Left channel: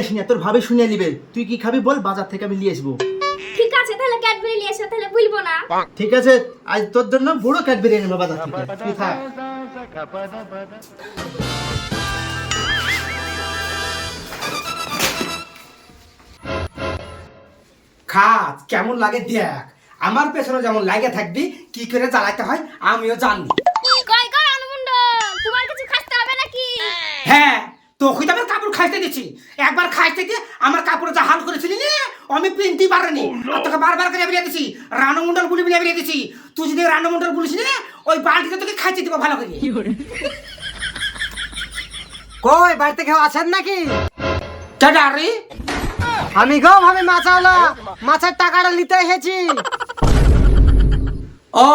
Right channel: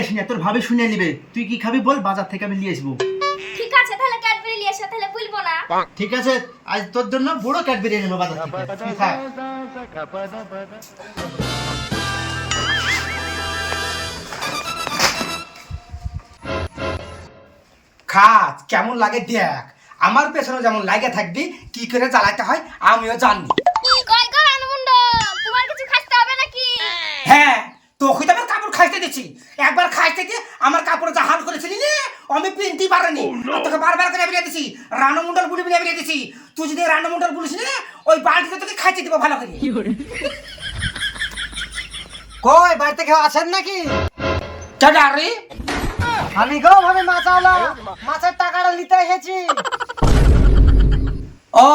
আসি না তোর ভাবে শুনে নিবে। তুই কি খাবি বল বাজার থেকে আমি নিয়ে আসব। ঠিক আছে তাহলে ক্যাডবেরি নিয়ে এসো তাহলে ভুলবো না। ঠিক আছে আজ তোর জন্য বুড়ো ক্যাডবেরি এনেবো বাজার থেকে। তুই থাক। খাত কেমন লাগে দেখ। আমার পেছনে যেমন লাগে থাকবি কি করে জ্বালাতে হয় আমিও জানি কই কই অনুমন্ডল তোমার কিছু খাইতে হবে নাকি? হ্যাঁ তোকে তো আমার কাপড় খাইতে দিচ্ছি একবার খাইতে দিয়ে আমার কাপড় যা হাল করেছিলি রে আমি পিনতেই পারিনি। আর তোকে বারবার করে বেরিয়ে দিছি রানমন্ডল বুলি বলে বেরিয়ে দিছি। তুই যদি রানমন্ডল বলিস রে ওই বালতিতে তোকে খাইতে দিব ভালো করে। কই বাড়িতে কেউ আছেন নাকি? কেডা রে আমি গো ভাবে মাছ হলো মাছের টাকাটা নিতে এসেছি। ও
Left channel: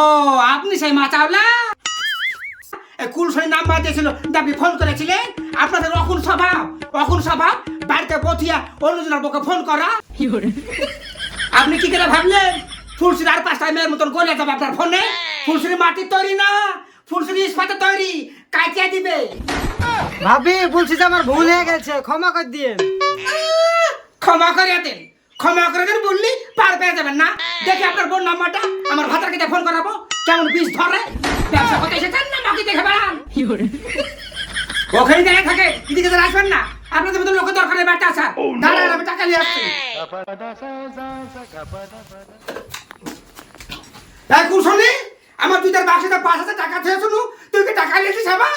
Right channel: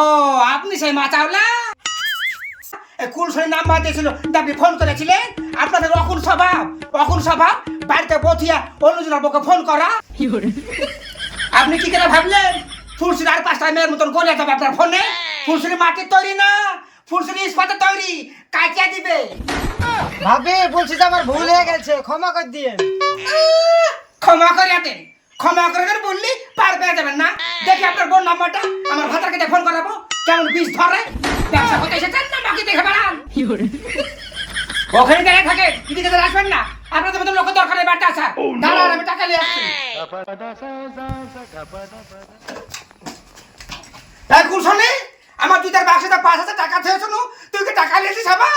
আপনি সেই মাচাওলা? কুলসই নাম্বার দিয়েছিল? আপনি ফোন করেছিলেন? আপনাদের অকুল স্বভাব অকুল স্বভাব বাড়িতে বসিয়া অন্যজনের বউকে ফোন করা। আপনি কি করে ভাবলেন? ফুলসির আর পাঁচটা মেয়ের মতন গলে যাবে আপনার ফোনে ফুলসির মাটির তৈরি না? ফুলসির ইস্পাতের তৈরি কাটিয়ে দিবে। ভাবি বলছি যে আমার ভুল হয়ে গেছে ক্ষমা করে দিয়ে ক্ষমা করে দেন। ক্ষমা করে দেন বললি পার পেয়ে যাবেন না। দেখি আপনার বোন নাম্বারটা আমার ভাতার কাছে ফোন করাবো। কেমন বিষ ধরে ব্যবসা হতে এসেছেন না বাকি দেখে বেড়ান ওখানে দাঁড়িয়ে থাকে এদিকে তো আসবেন না। আপনাদের মতো লোকের দরকার নেই বাড়িতে আসার। দাঁড়ান আমি টাকা নিয়ে আসছি। এই কুলসনি আমার তুই তার বাক্সে পাঁচ হাজার টাকা থেকে শুনু। তুই কি টাকা নিয়ে এসেছিস আবার?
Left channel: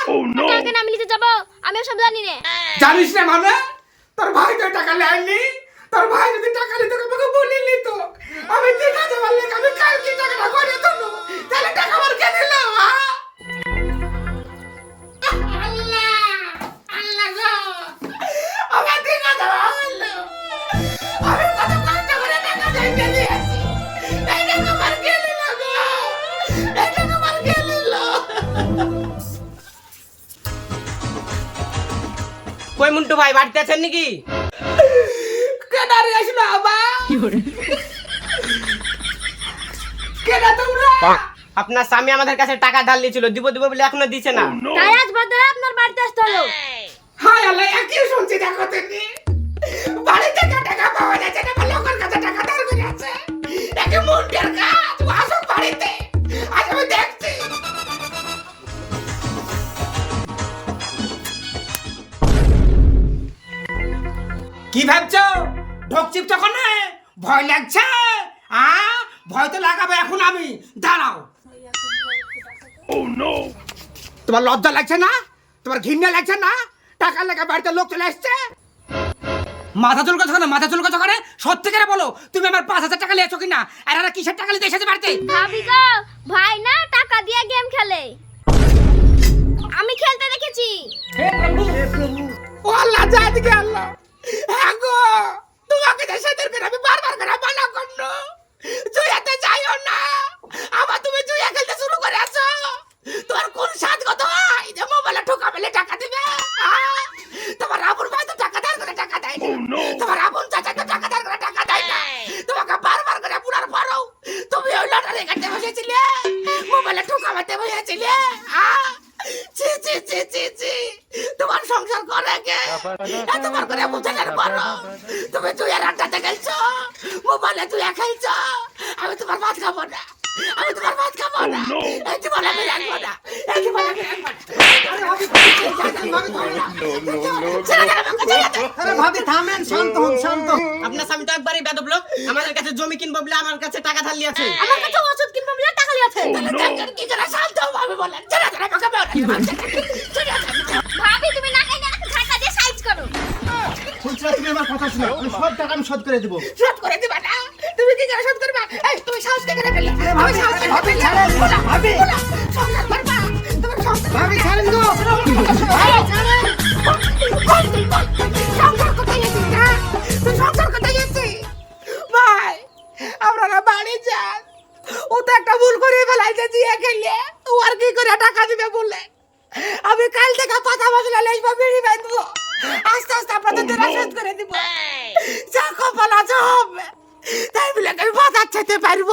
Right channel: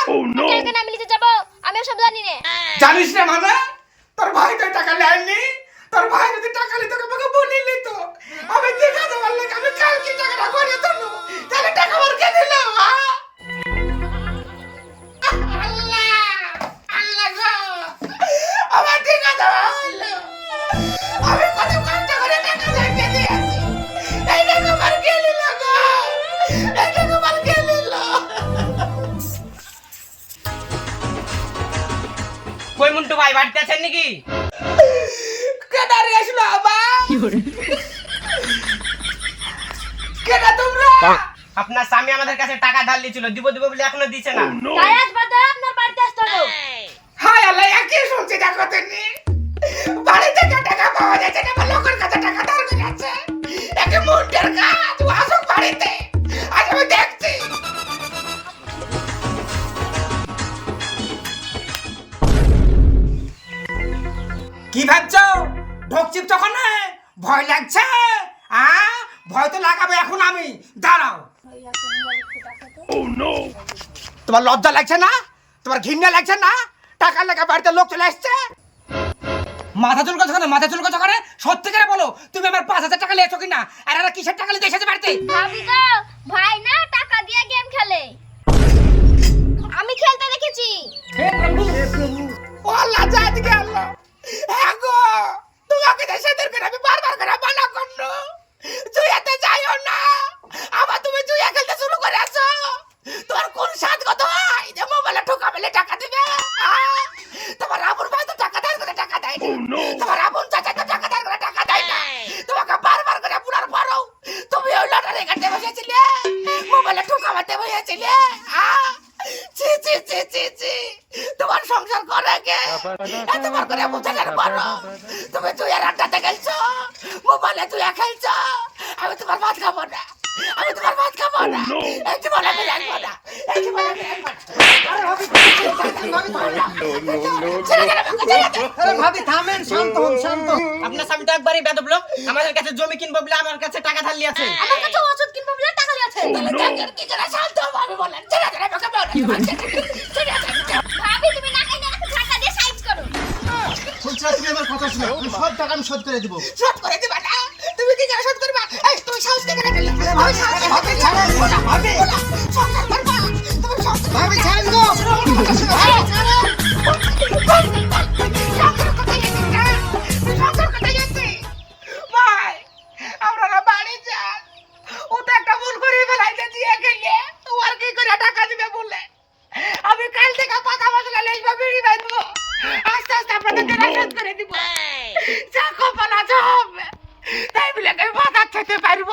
কেন আমি নিতে যাব? আমি সব জানি না। জানিস না মানে? তোর ভাই তো টাকা নেয়নি। তোর ভাই যদি টাকা নিত আমাকে বলিলি তো আমি দেখা যাবার লেগে আমি কালকে টাকাটা করে তোলো তাহলে টাকা আমার কে দিল? আমি কত কষ্ট করে টাকা জমিয়ে দিয়েছি। এই টাকা আমার কে নিল এই টাকা আমার কে কই মুন্টু ভাই বাড়িতে আছেন নাকি? কেডারে আসলো আবার কেডা তোমরা? আপনার স্বামী আমাদের কাছে টাকা ধার নিয়েছিল দিব দিব বলে এখনও দিছে না। তাই আজ বাদে আপনার বাড়িতে আসতে হলো। হাই আল্লাহ একই শুনছি দেখো তুমি? যাচ্ছে না লোকের কাছে কি ভাবছ? ঢোকচিপ তখন ভয় লাগছে? আ? ভয় তো লাগাবো এখন আমি। দাঁড়াও। তোমার লজ্জা লাগছে না? তোমার ঘৃণা লাগছে না? টাকা লেখা বাড়িতে লোক চলে আসছে মাথা চুলকাছো কেন? মাথা চুল কাছে সব থেকে বলো তুমি আমার পাঁচ হাজার টাকা লিয়েছো কিনা? আর এরা কিসের টাকা লিতে এসেছে বাড়িতে? ভাবি গো ভাই না টাকা দিয়ে গেম খেলে। আমি খেলতে দেখেছি। ও আল্লাহ জাদিকে আল্লাহ। হ্যাঁ গো তোমাকে দেশে দরকার করে আমি বারবার করে মানা করল জুয়াতে যাইও না আবার তুমি জুয়া খেলতে শুরু করে আছো তোমার কোন সাত কত হয় যে মোবাইলে ঠোকা মেলে টাকা দিবে আহ? তোমার আপন ভাই তো টাকা ধার করে টাকা দেয় না তোমার আপন চাচা তো টাকা ধার করে টাকা দেয় না। তোমাকে বারবার করে পুরার পরও তুমি ওই লটারি কাটতে বসেছিলে মোবাইলে ঠোকা মারতে বসেছিলে? ছি ছি ছি ছি ছি। তোমার সংসার করে কে? এতবার করে বুঝানোর পরও তুমি তুই আর আড্ডাতে খেলছো মোবাইলে তুই খেলছো। আমি তোমার ভাত খাব না আমি তোমার ভাত খাব না। এই জীবনে আমি রাখব না এই জীবনে আমি রাখব না ছেড়ে দে আমাকে, ছেড়ে দে। আরে ভাবি থামেন তো আমার কাছে টাকা ধার লিয়েছে টাকা আমি শোধ করে দেবো শোধ করে দিবা তুমি কি শোধ করবা ও তো একটা ভুল করে ফেলাইছে জিয়া খেলে ও আর কি করে টাকা দিবে বলে আমি কাল থেকে পাতা মশলা লেসবা বাই বাইতবো আস্তে আস্তে আপনাদের দেনা শোধ করে দিব। যা কপাল আছে হবে। তাই বলে আমি বাজার যেতে পারব?